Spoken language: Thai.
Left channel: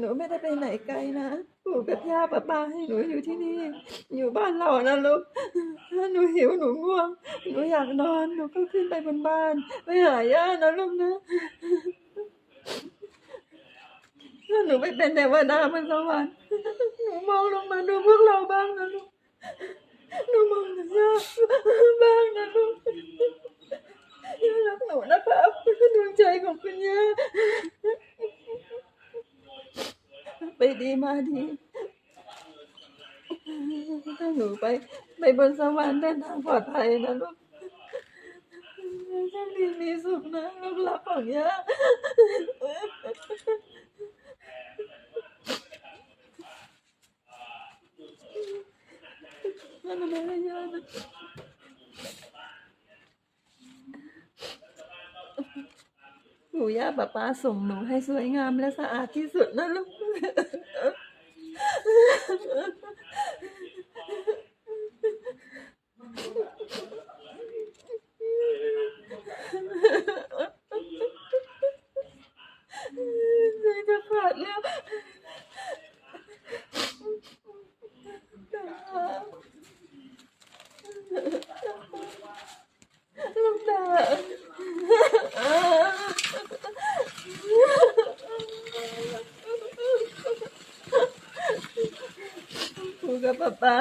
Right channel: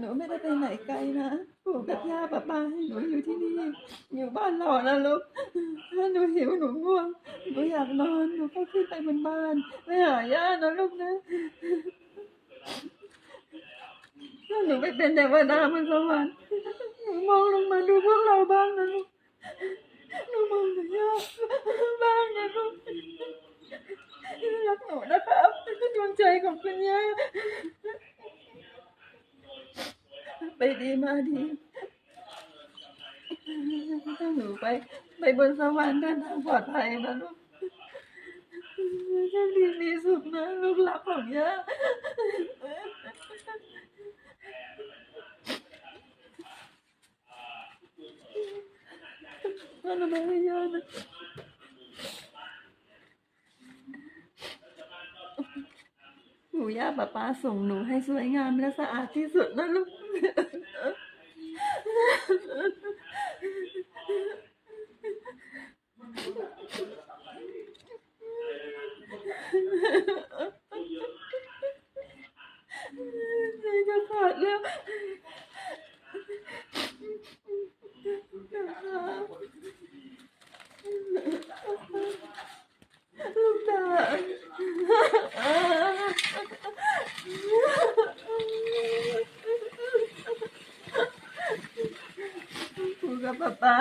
หนูไม่ได้ไปไหนไกลนะปู่กับย่าป้าป้าให้หนูอยู่ที่นี่ อยู่บ้านเรานะลูกถ้าหนูหิวหนูง่วงหนูอยากนอนหนูก็ขึ้นไปบนบ้านไปหาย่านะลูกนะถ้าหนูไม่เป็นเทวดาบนสวรรค์หนูมองลงมาดูพวกเราบ้างนะลูกหนูมองถึงย่าบ้างนะลูกย่ารักหนูนะครับดวงใจของคุณย่า ไปดีมาดีถ้าหนูไป ไปบนสวรรค์เดินทางปลอดภัยนะลูกโชคดีมีสุขนะลูกรักของย่าพ่อทำไมให้ย่านะปู่ย่าป้าป้าส่งหนูให้สวยงามและสะอาดที่สุดนะลูก ใจจะขาดแล้วลูกตา ปู่กับป๊า